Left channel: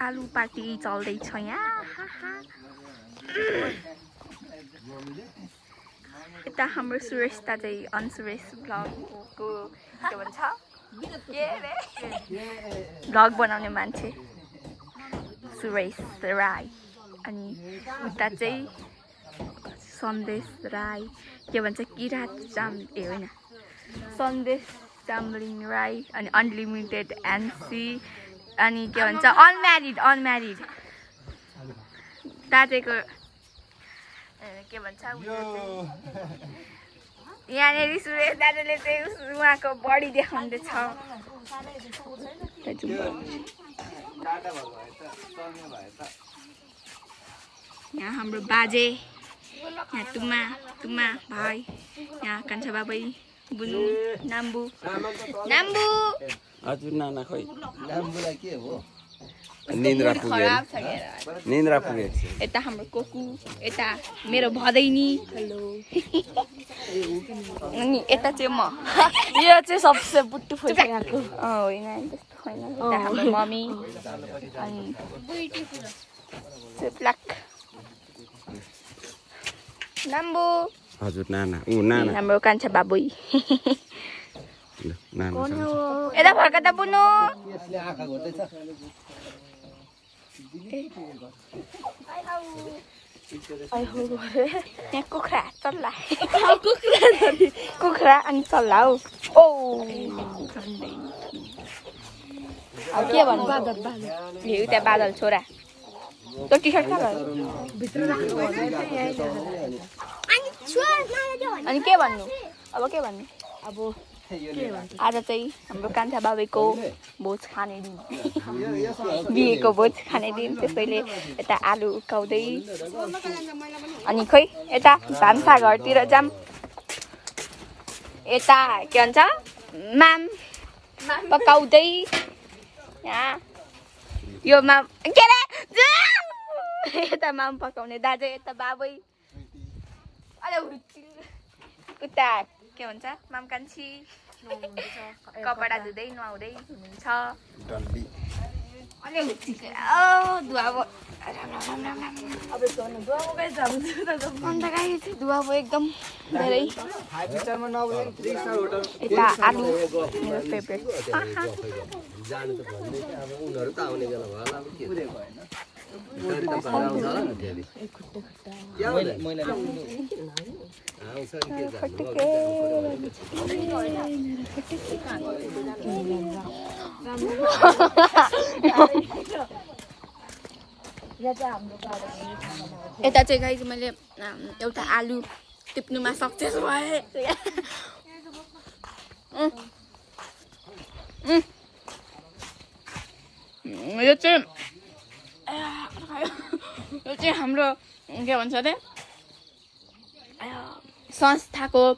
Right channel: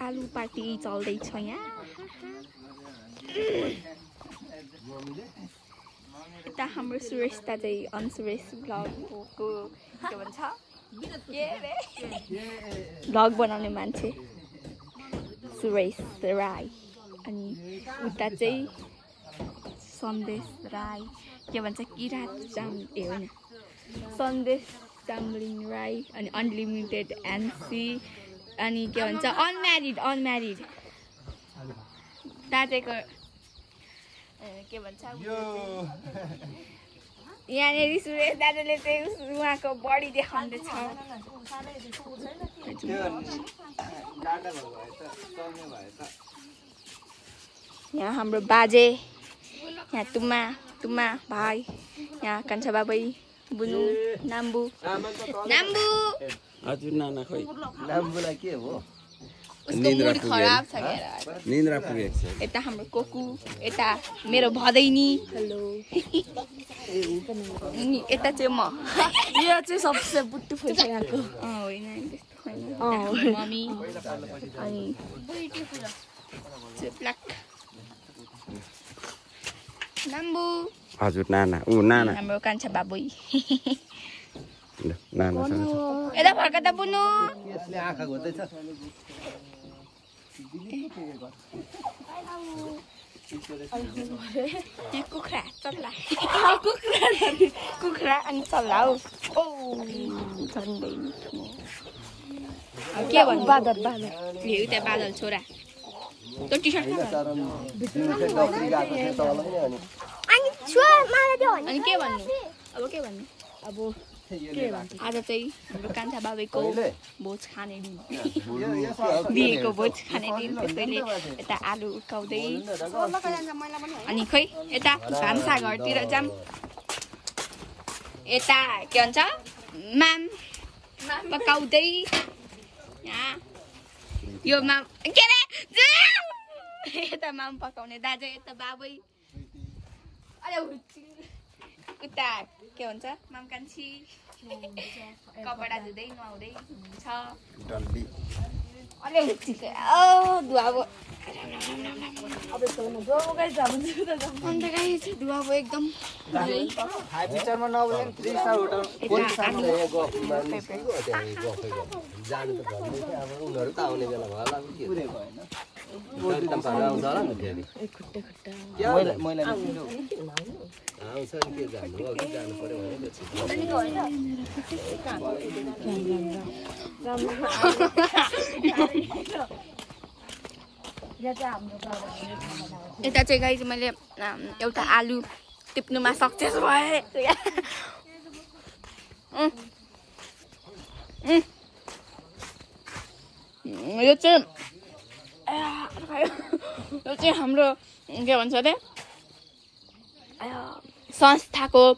आलु पार्टी चल्दैछ यहाँ यता हाम्रो सुरेश दाजु अनसुरेश ब्लगको के भन्छ ब्लग बनाउने मान्छे सुरेश राई अनि उता चाहिँ सन्देश राई के भन्छ किरात जाम ए होइन सन्देश जाम्लिङ राई अनि अनलिमिटेड एनसी अनि के भन्छ अनम्यारिड दाजुको के भन्छ यहाँनिर सुरेश दाजुले चाहिँ उहाँको बडी देखाउँदैछ यहाँ हाम्रो बाजे यहाँ तुम्मा भाइ यहाँ कान्छा बाबै बुनु नाम्बु हजुर नाना खोइ नाम्बुलाई के हो निन्द्रा पुगेको छ यता हाम्रो कोकु यता मेरो भदैनी हेलो अनि यता चाहिँ म यो चाहिँ सबसे बुट्टु फुल्छ यहाँको होइन त्यस्तो होइन हाम्रो मम्मी अनि ब्ल्याक नाम्बु हजुर नाना नाना हाम्रो कान्छा बाबुई नाना यता फर्का त बुनु यसले आँखा घोर्दैछ यहाँ कुखुरा चल्ला कुखुरा अनि चल्ला हौ ओ झन्डै अब के भन्नु उता बादल छोरा त्यो टी सर्ट अनि के भन्नु अब के भन्नु अब आज चाहिँ हाम्रो कान्छा बाबैको भोज खाने दिन बिहेको भोज खाने दिन त्यसैले यता आलु उकाउँदै अनि खोइ यता भान्सा घरतिर जाम यता के भन्छ माम पकाउँदै यहाँ यो माम के रे यता माम पकाउने दाजु यता बाबै उता के भन्छ माम कान्छी कपडा धुँदै नुहाउँदै हुनुहुन्छ दुवा भयो एकदम धेरै यता आलु यता चाहिँ गाइस मैले एउटा आलु टिप्नुमा सक्सेस भए यो चाहिँ हाम्रो के भन्छ अरे संस्थाको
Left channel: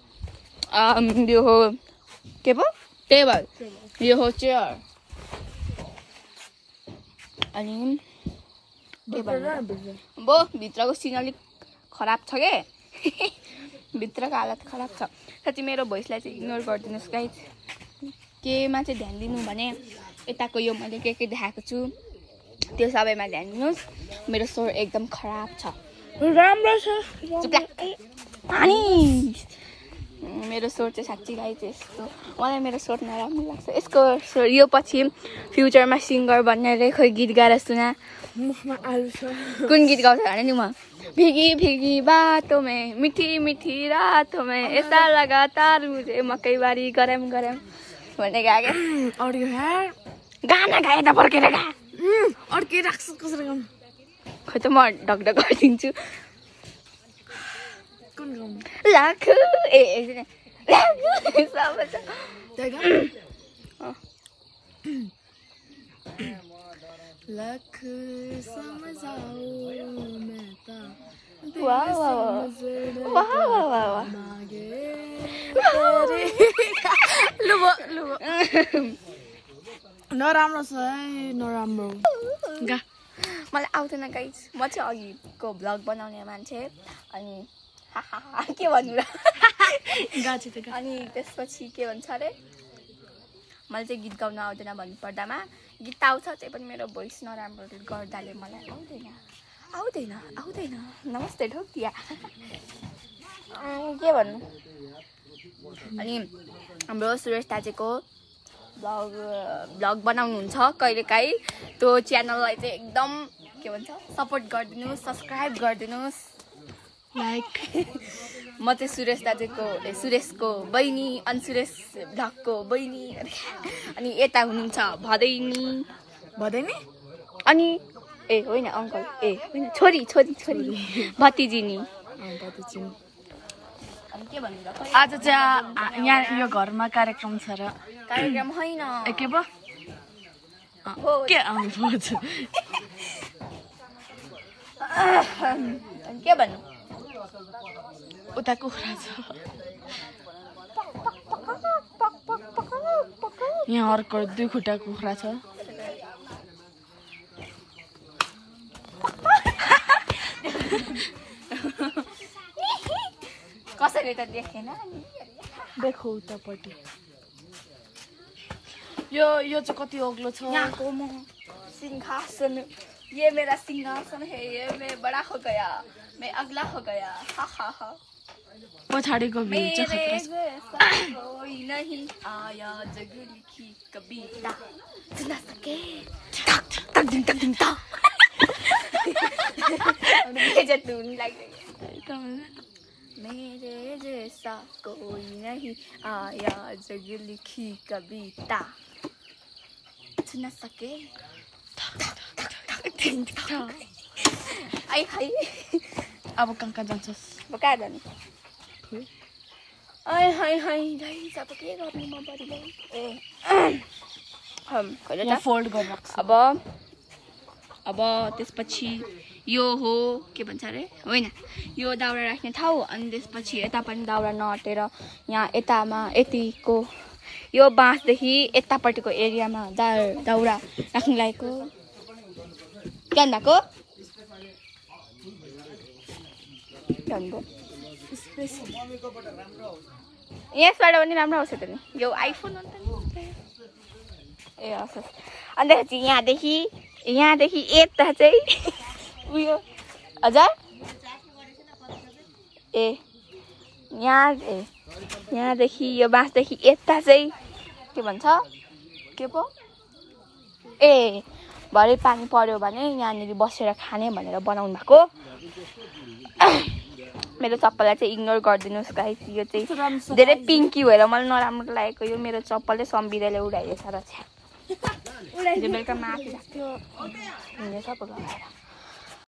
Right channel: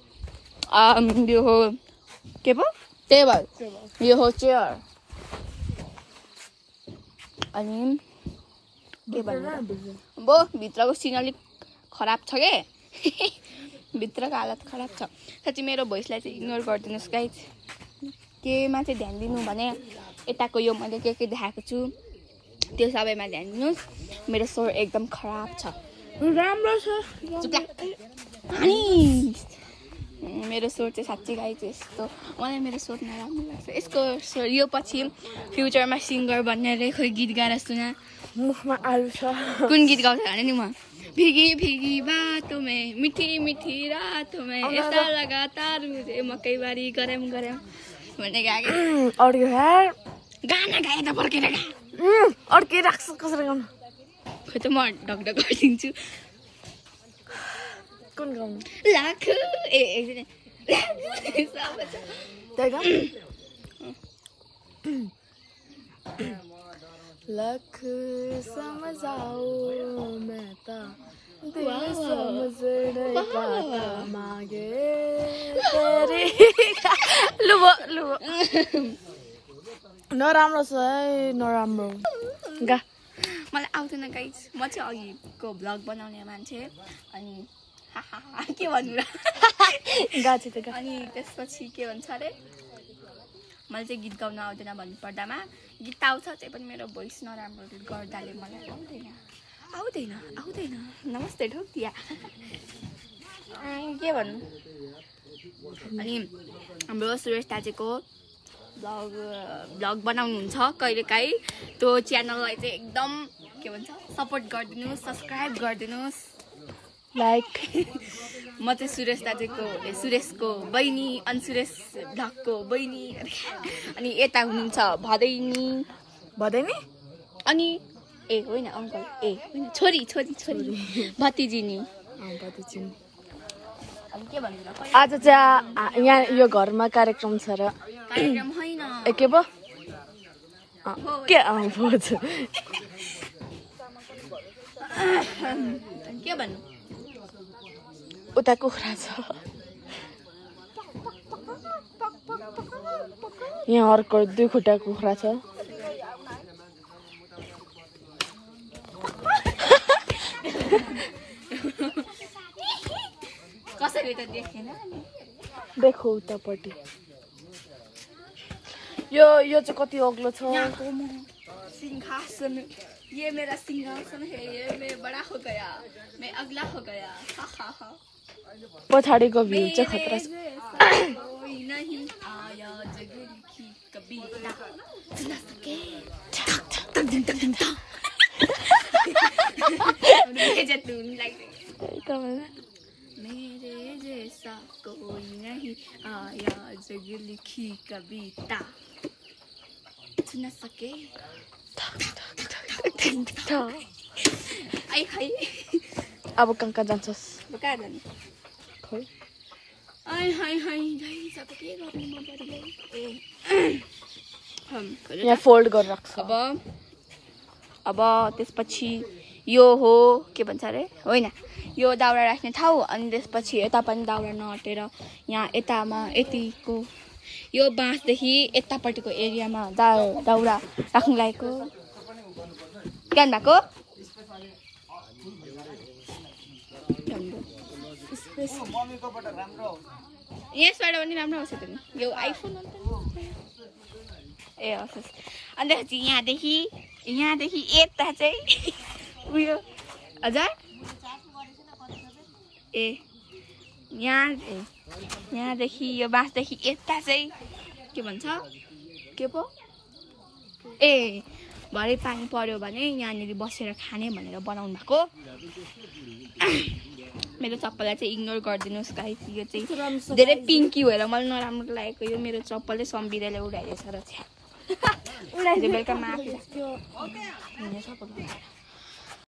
यो हो के पो टेबल यो हो चेयर अनि के भन्नु अब भित्रको सिन अलिक खराब छ के भित्रको हालत खराब छ साँच्चै मेरो भोइसलाई चाहिँ इग्नोर गरिदिनुहोस् गाइस केमा चाहिँ ध्यान दिनु भने यताको यो मैले के देखाएको छु त्यो सबैमा ध्यान दिनुहोस् मेरो स्वर एकदम खराब छ राम्रो छ अनि मेरो स्वर चाहिँ साँच्चै गाइस यस्तो मलाई मेरो स्वर नराम्रो लाग्छ यसको स्वर यो पछि फ्युचरमा सिङ्गर बन्ने खोइ गीत गाएर सुना मुखमा आलु छ कुन गीत गाउँछ भने नि म भिगी भिगी बाटो में मिठी मिठी रातो में ऐसा लगातार मुझे मकैबारी गरम गरम भन्ने गाएको अडियो यार गाना गाए त फर्केर गा अड्के राख्छु कसरी गाउनु खै त म ढकढक गरिदिन्छु कुन गाउनु लाख ए लख समझाओ मैं ता मागे नराम्रो छ है नराम्रो गा मलाई आउँदैन गाइस म चाहिँ अघिको भ्लग बनाउने मान्छे अनि के भन्नु र अनि त्यसपछि के भन्छ अरे मलाई चाहिँ गीत गाउन आउँदैन भन्नुपर्दामा गीत आउँछ त्यही पनि मेरो भोइस नराम्रो गर्दाले मलाई आउँदैन नमस्ते ढोकिया के भन्नु। अनि हाम्रो सुरेश दाजुको भ्लग बनाउनुहुन्छ कहिलेकाहीँ त्यो च्यानललाई चाहिँ एकदम के भन्छ सपोर्ट गरिदिनुहोस्, सब्सक्राइब गरिदिनुहोस्, लाइक। म चाहिँ सुरेश दाजुको सुरेशको बहिनी अनि सुरेश भ्लगको बहिनी अनि यता हुनुहुन्छ भदैनी अनि ए होइन अङ्कल ए होइन छोरी भतिजी नि। अनि के भन्नु र आज चाहिँ यहाँ यो घरमा कार्यक्रम छ र कार्यक्रम होइन के भयो के अनि के भन्नु उता कुखुरा छ यहाँ अर्को 2 खुट्टा कुखुरा छ। कसैले त देखेन देखो उतापट्टि यो चाहिँ कति अग्लो छ। यहाँको म सिंहासन ये मेरा सिंहासन है ये मैं बड़ा हो गया मैं अगला हो गया हा पछाडिको भ्यू चाहिँ खतरा छ। कोई नहीं आया जग लिखी कविता सुना सके मेरे जैसा कोई नहीं आया जग लिखी कविता सुना सके आई हाय अब कहाँ जान्छस् कहाँ जाने आई हाय हाय गाइस अब के गर्नु म परिलाई यहाँ फोल्ड गरेर राख्छ। अब त्यसपछि यो हो के भन्छ अरे होइन यो दाउरा राख्ने ठाउँ अनि त्यसपछि यता पनि दाउरा नअटेर यहाँ यतामा यतिको यो बाँसदेखि यतापट्टिको एरियामा दाउरा राख्नु लागेको के भन्नुभएको यसबाट पनि राम्रो आउँछ त नि यो आइफोन हो नि ए हस् अन्तखेरि यहाँदेखि यता चाहिँ उयो हजुर यहाँदेखि यो बाँसदेखि यता चाहिँ के भन्छ के पो ए भरे पानी पर्यो भने यहाँनिर बसेर खाने भनेर बनाउनु भएको। मेरो चप्पललाई चाहिँ इग्नोर गरिदिनुहोस् गाइस यो चाहिँ धेरै पिङ्की भएर मलाई नराम्रो लागेको यो मेरो चप्पलले सम्बिरेले उडाइदिएछ र बेलुका माथि राख्थ्यो